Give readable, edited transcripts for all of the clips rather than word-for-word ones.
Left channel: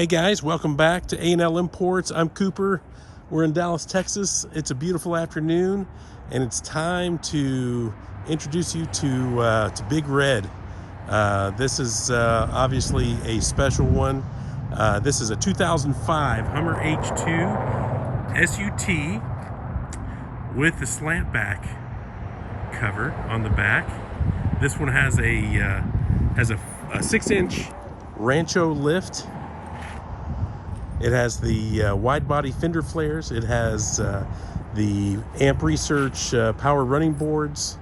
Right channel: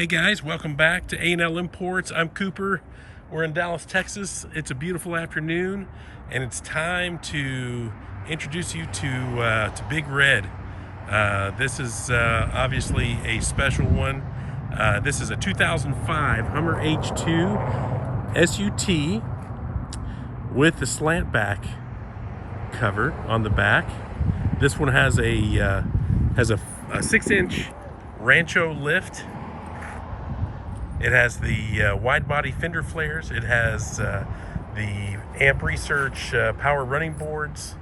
Hey guys, welcome back to A&L Imports. I'm Cooper. We're in Dallas, Texas. It's a beautiful afternoon, and it's time to introduce you to Big Red. This is obviously a special one. This is a 2005 Hummer H2 SUT with the SLANTBACK cover on the back. This one has a 6-inch Rancho lift. It has the wide body Fender Flares. It has the Amp Research power running boards,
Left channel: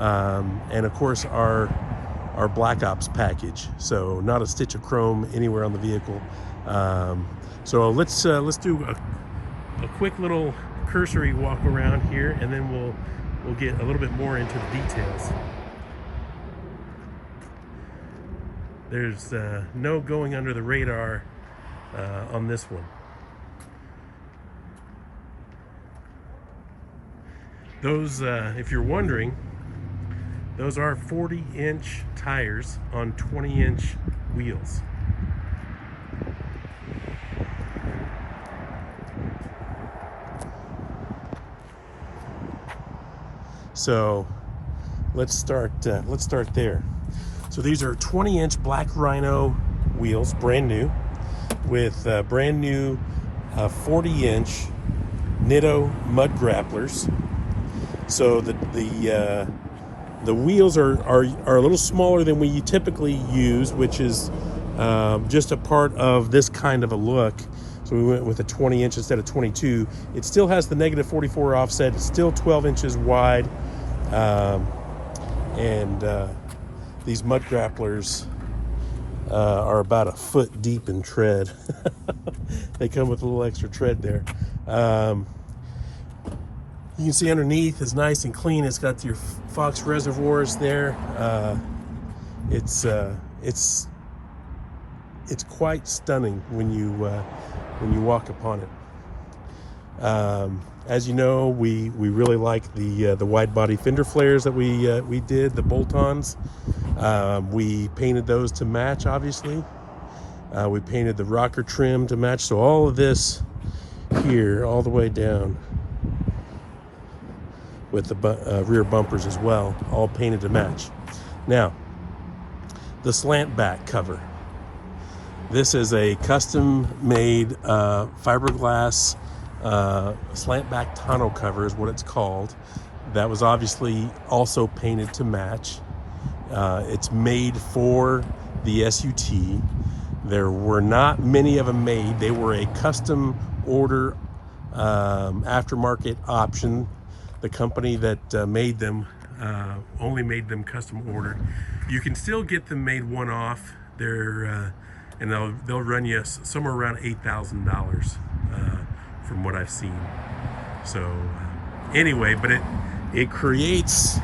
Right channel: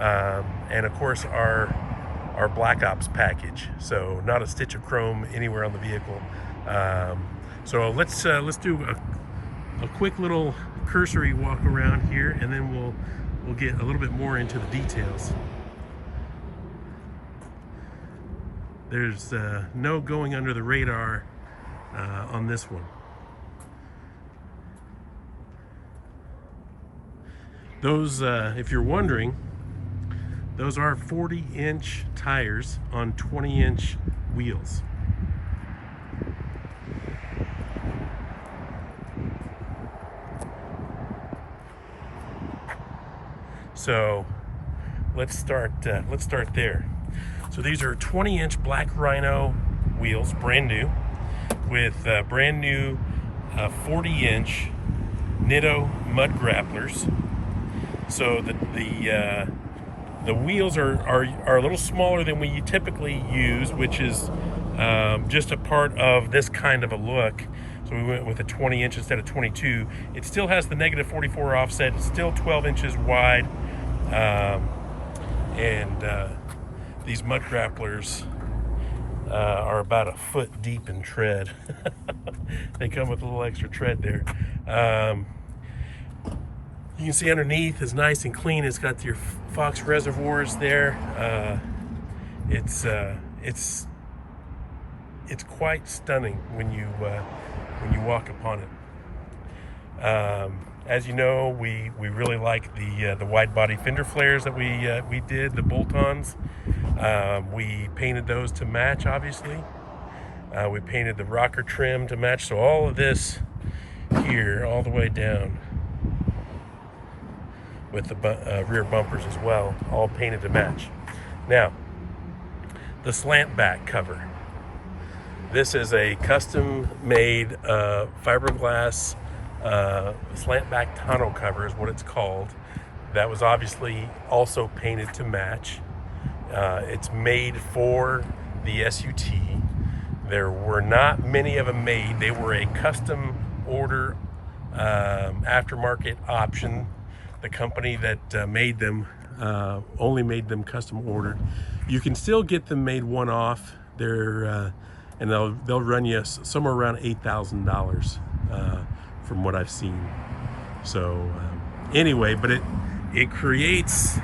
and of course our Black Ops package. So not a stitch of chrome anywhere on the vehicle. So let's do a quick little cursory walk around here, and then we'll get a little bit more into the details. There's no going under the radar on this one. Those, if you're wondering, those are 40-inch tires on 20-inch wheels. So let's start there. So these are 20-inch black Rhino wheels, brand new, with brand new 40-inch Nitto mud grapplers. So the wheels are a little smaller than we typically use, which is just a part of this kind of a look. So we went with a 20-inch instead of 22. It still has the negative 44 offset. It's still 12 inches wide, and these mud grapplers are about a foot deep in tread. They come with a little extra tread there. You can see underneath is nice and clean. It's got your Fox reservoirs there. It's quite stunning when you walk upon it. As you know, we really like the wide body Fender Flares that we did, the bolt-ons. We painted those to match, obviously. We painted the rocker trim to match. So all of this here, all the way down, with the rear bumpers as well, all painted to match. Now, the SLANTBACK cover. This is a custom-made fiberglass SLANTBACK tonneau cover is what it's called. That was obviously also painted to match. It's made for the SUT. There were not many of them made. They were a custom order aftermarket option. The company that made them only made them custom ordered. You can still get them made one-off. They're and they'll run you somewhere around $8,000 from what I've seen. So anyway, but it creates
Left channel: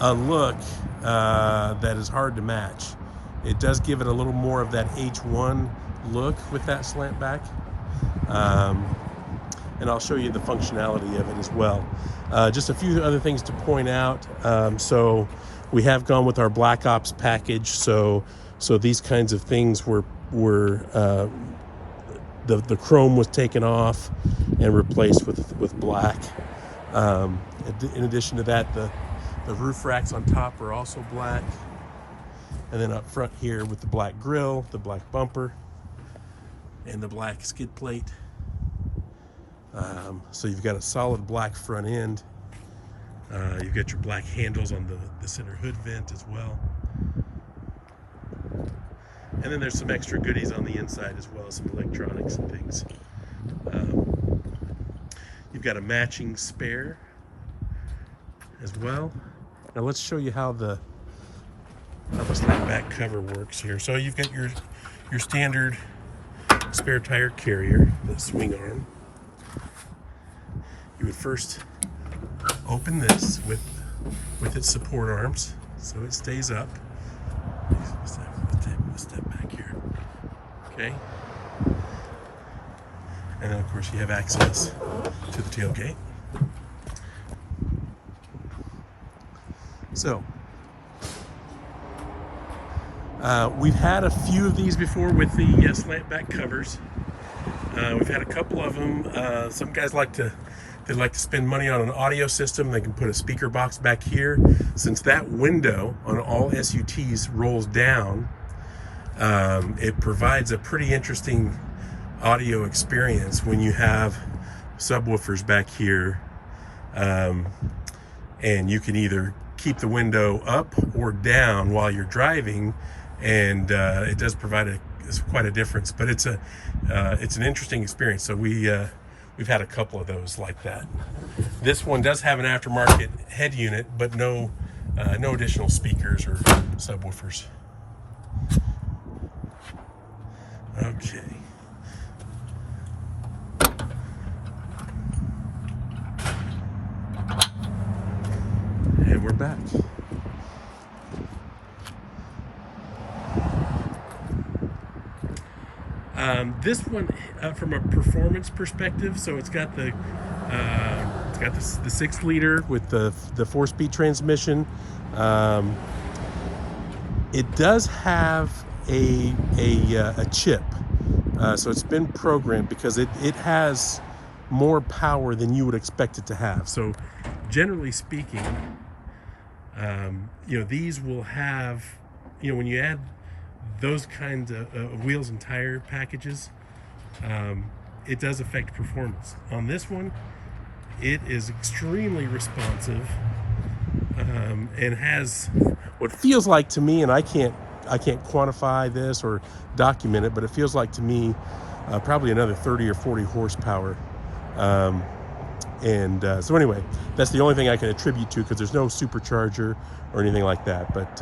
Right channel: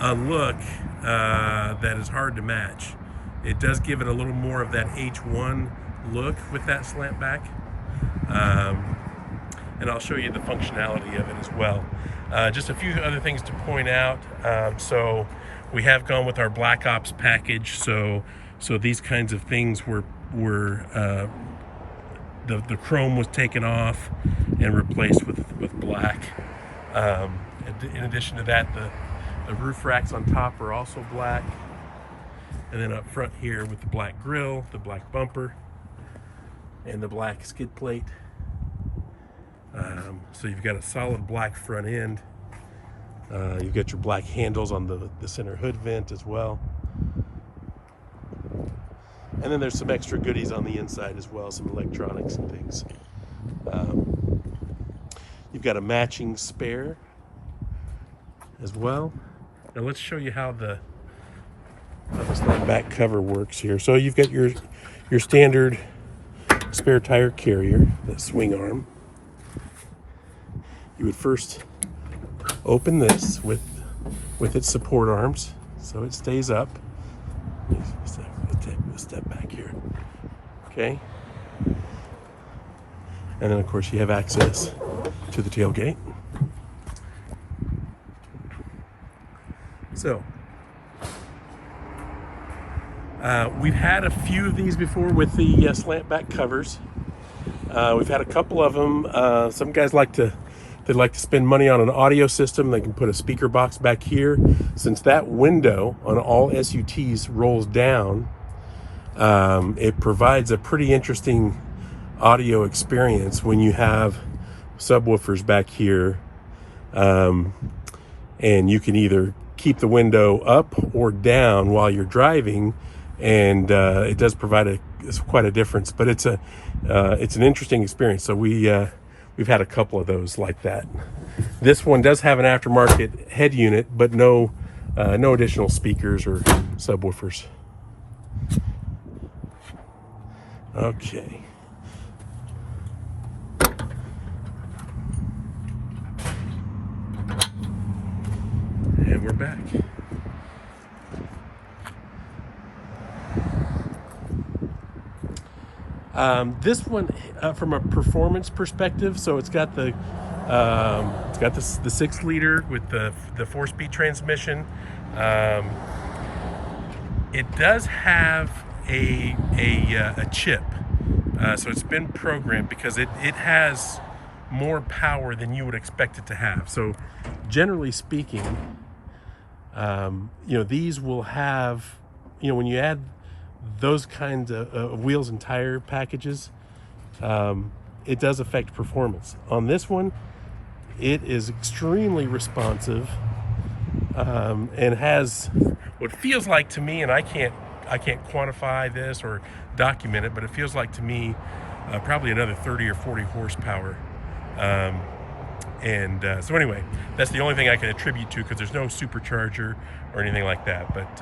a look that is hard to match. It does give it a little more of that H1 look with that SLANTBACK. And I'll show you the functionality of it as well. Just a few other things to point out. So we have gone with our Black Ops package. So these kinds of things were the chrome was taken off and replaced with black. In addition to that, the roof racks on top are also black. And then up front here with the black grille, the black bumper, and the black skid plate. So you've got a solid black front end. You've got your black handles on the center hood vent as well. And then there's some extra goodies on the inside as well, some electronics and things. You've got a matching spare as well. Now let's show you how the SLANTBACK cover works here. So you've got your standard spare tire carrier, the swing arm. You would first open this with its support arms, so it stays up. Let's take a step back here. Okay. And then of course you have access to the tailgate. So We've had a few of these before with the SLANTBACK covers. We've had a couple of them. Some guys like to spend money on an audio system. They can put a speaker box back here. Since that window on all SUTs rolls down, it provides a pretty interesting audio experience when you have subwoofers back here, and you can either keep the window up or down while you're driving, and it does provide quite a difference. But it's an interesting experience. So we've had a couple of those like that. This one does have an aftermarket head unit, but no additional speakers or subwoofers. Okay. And we're back. This one, from a performance perspective, so it's got the 6-liter with the 4-speed transmission. It does have a chip, so it's been programmed because it has more power than you would expect it to have. So generally speaking, these will have, when you add those kinds of wheels and tire packages, it does affect performance. On this one, it is extremely responsive, and has what feels like to me, and I can't quantify this or document it, but it feels like to me probably another 30 or 40 horsepower. So anyway, that's the only thing I can attribute to, because there's no supercharger or anything like that, but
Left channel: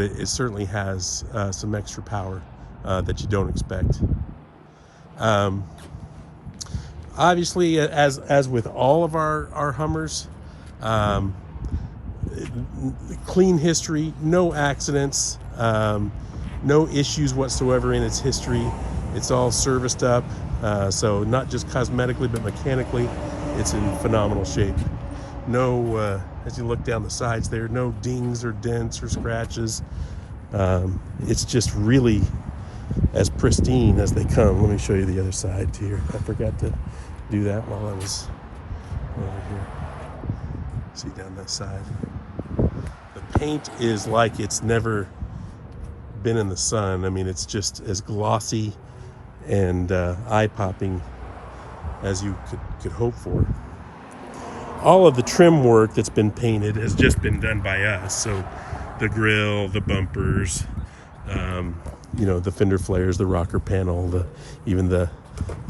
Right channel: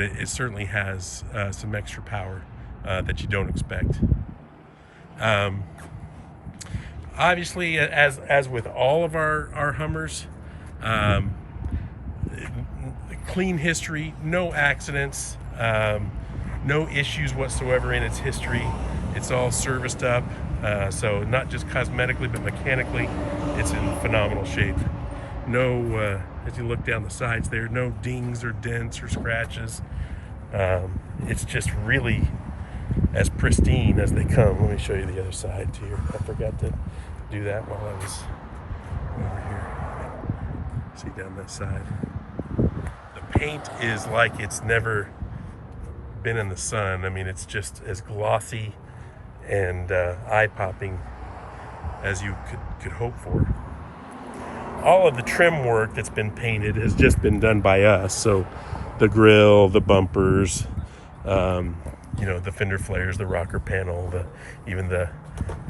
it certainly has some extra power that you don't expect. Obviously, as with all of our Hummers, clean history, no accidents, no issues whatsoever in its history. It's all serviced up, so not just cosmetically but mechanically, it's in phenomenal shape. No, as you look down the sides there, no dings or dents or scratches. It's just really as pristine as they come. Let me show you the other side too. I forgot to do that while I was over here. See down that side. The paint is like it's never been in the sun. I mean, it's just as glossy and eye-popping as you could hope for. All of the trim work that's been painted has just been done by us. So the grill, the bumpers, the Fender Flares, the rocker panel, even the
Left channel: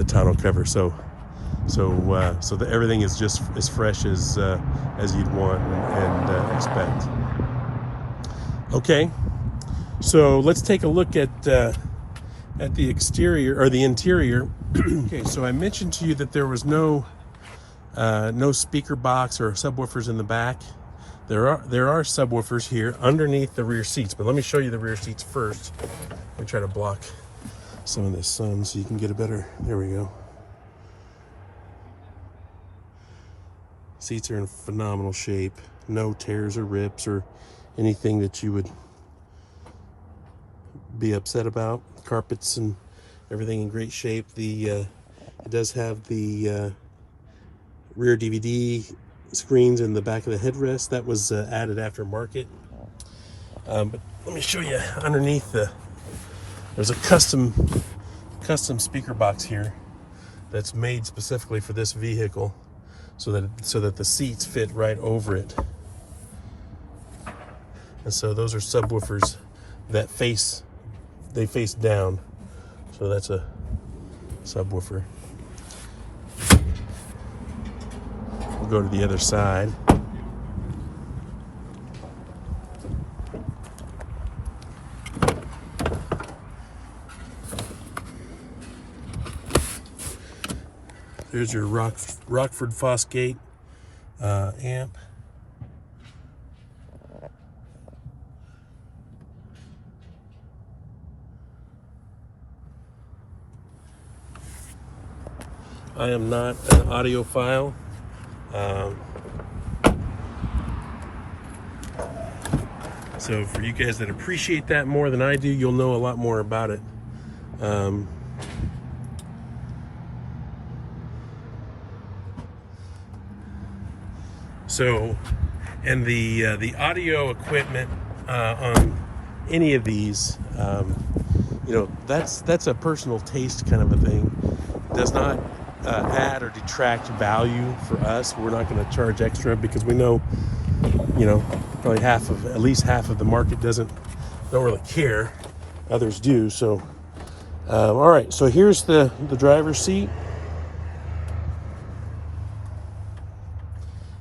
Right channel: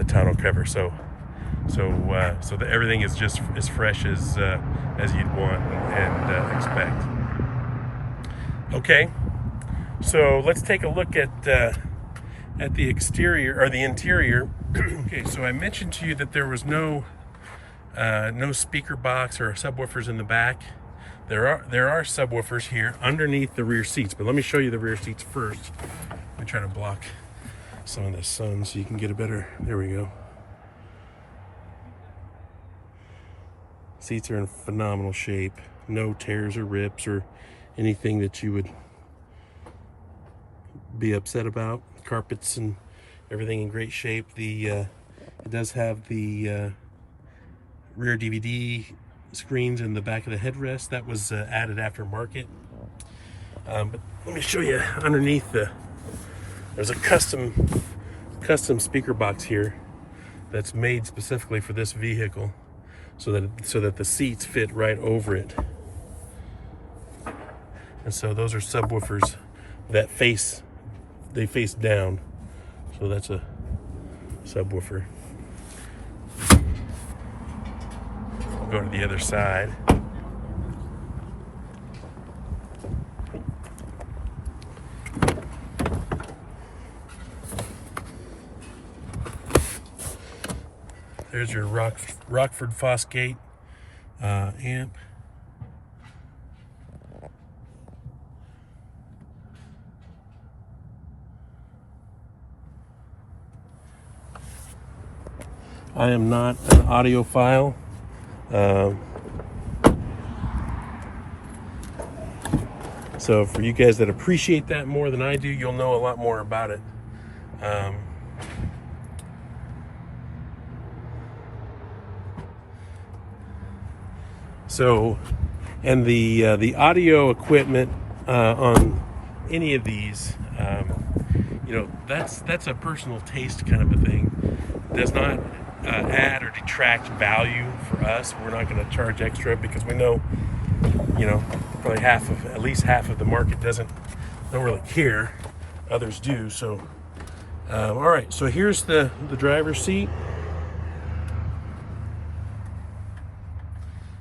tonneau cover. So everything is just as fresh as you'd want and expect. Okay, so let's take a look at the exterior or the interior. Okay, so I mentioned to you that there was no speaker box or subwoofers in the back. There are subwoofers here underneath the rear seats, but let me show you the rear seats first. Let me try to block some of the sun so you can get a better. There we go. Seats are in phenomenal shape. No tears or rips or anything that you would be upset about. Carpets and everything in great shape. It does have the rear DVD screens in the back of the headrest. That was added aftermarket. But let me show you underneath. There's a custom speaker box here that's made specifically for this vehicle, so that the seats fit right over it. And so those are subwoofers that face down. So that's a subwoofer. We'll go to the other side. There's your Rockford Fosgate amp. I am not an audiophile. So for you guys that appreciate that more than I do, you'll know a lot more about it. So, and the audio equipment on any of these, you know, that's a personal taste kind of a thing. It does not add or detract value for us. We're not going to charge extra because we know, you know, like at least half of the market don't really care. Others do. So, all right. So here's the driver's seat.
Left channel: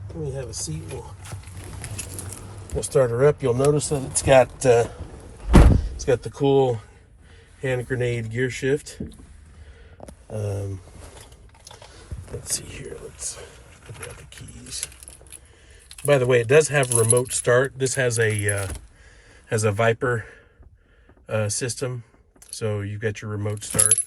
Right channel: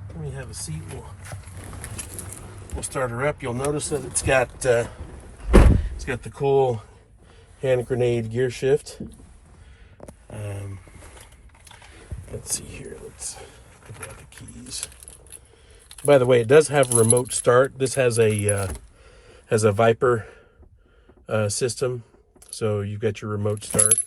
Let me have a seat. We'll start her up. You'll notice that it's got the cool hand grenade gear shift. Let's see here. Let's grab the keys. By the way, it does have remote start. This has a Viper system, so you've got your remote start.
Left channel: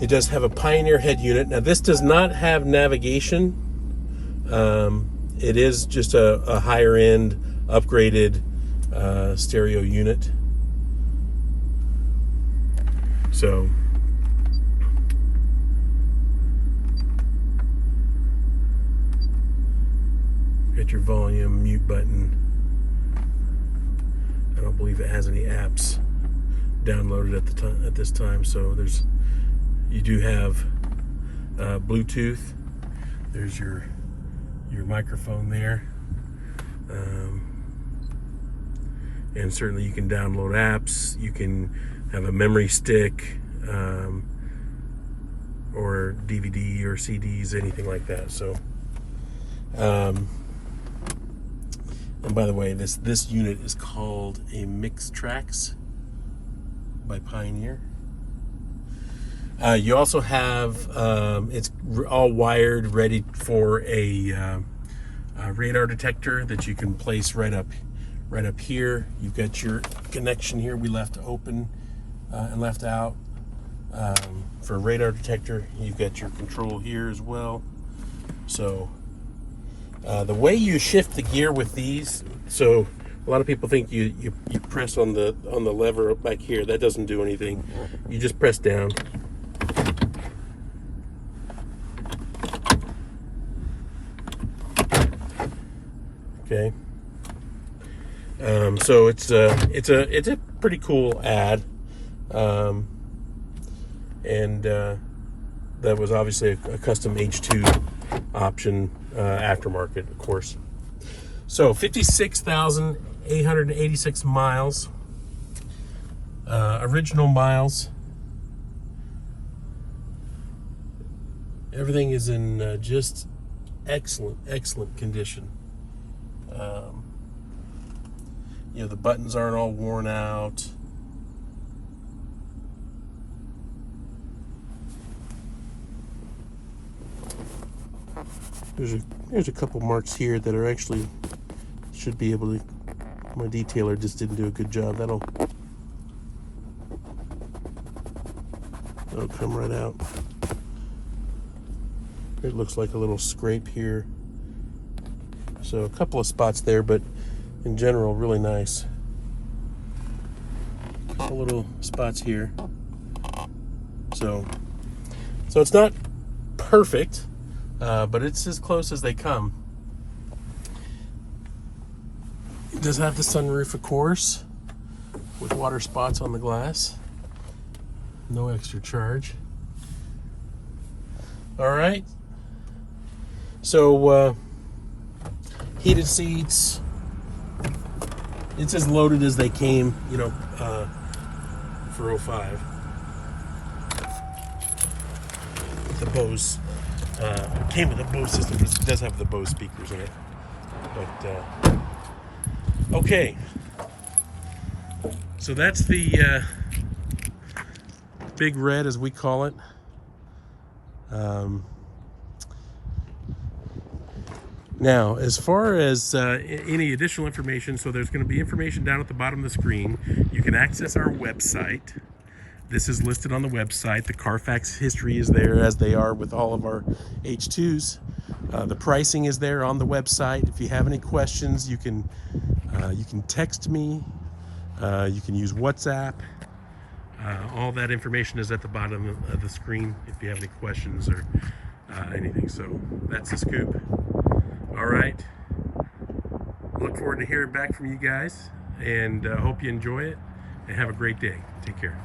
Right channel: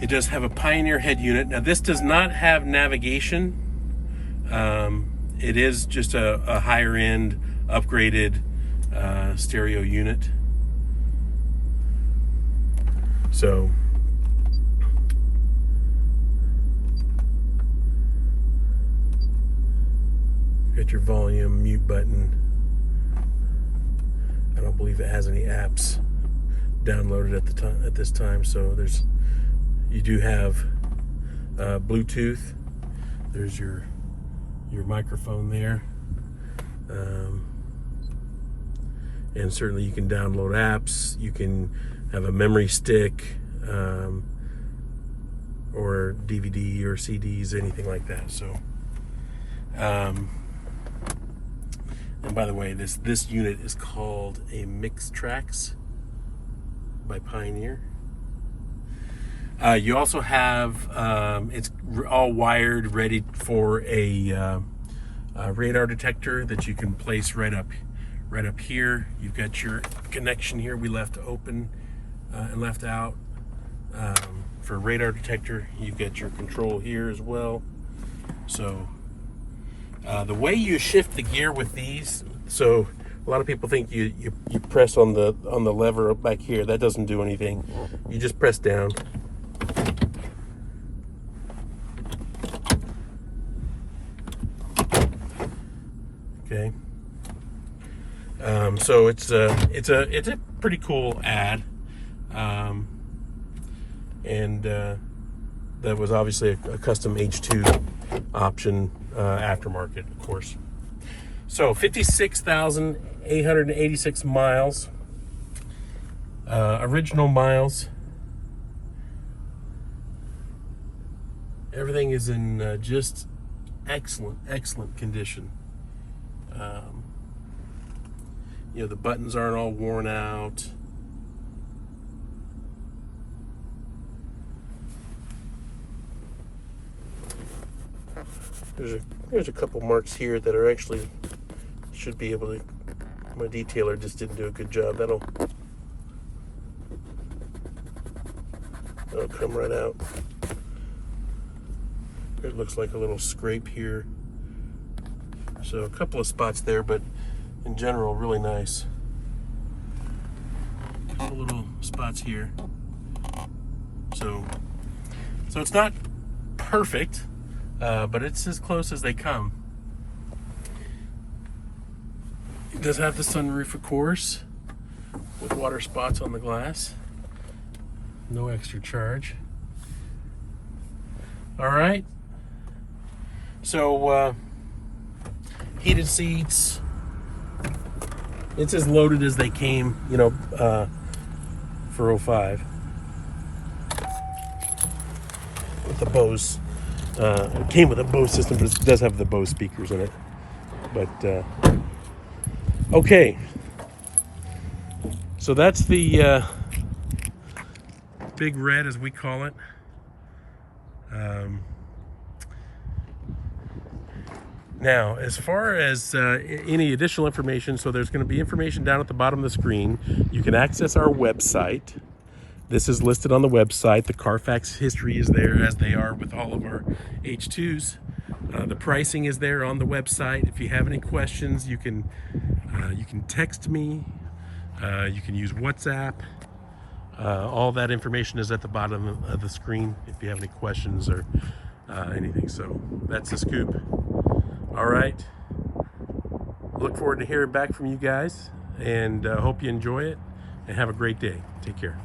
It does have a Pioneer head unit. Now this does not have navigation. It is just a higher end, upgraded stereo unit. So got your volume, mute button. I don't believe it has any apps downloaded at this time. So you do have Bluetooth. There's your microphone there, and certainly you can download apps. You can have a memory stick, or DVD or CDs, anything like that. So, and by the way, this unit is called a Mix Tracks by Pioneer. You also have it's all wired, ready for a radar detector that you can place right up here. You've got your connection here we left open and left out for a radar detector. You've got your control here as well. So the way you shift the gear with these, so a lot of people think you press on the lever up back here. That doesn't do anything. You just press down. Okay. So it's a pretty cool ad, and that was obviously a custom H2 option, aftermarket, of course. So 56,886 miles, original miles. Everything is in just excellent condition. You know, the buttons aren't all worn out. There's a couple marks here that are actually should be able to. My detailer just didn't do a good job. That'll come right out. It looks like a little scrape here. So a couple of spots there, but in general, really nice. A couple little spots here. So it's not perfect, but it's as close as they come. It does have the sunroof, of course, with water spots on the glass. No extra charge. All right. So heated seats. It's as loaded as they came, you know, for 05. With the Bose, it came with a Bose system, but it does have the Bose speakers in it. But okay, so that's the Big Red, as we call it. Now, as far as any additional information, so there's going to be information down at the bottom of the screen. You can access our website, This is listed on the website. The Carfax history is there, as they are with all of our H2s. The pricing is there on the website. If you have any questions, you can text me. You can use WhatsApp. All that information is at the bottom of the screen if you have any questions or anything. So that's the scoop. All right. Look forward to hearing back from you guys, and hope you enjoy it, and have a great day. Take care.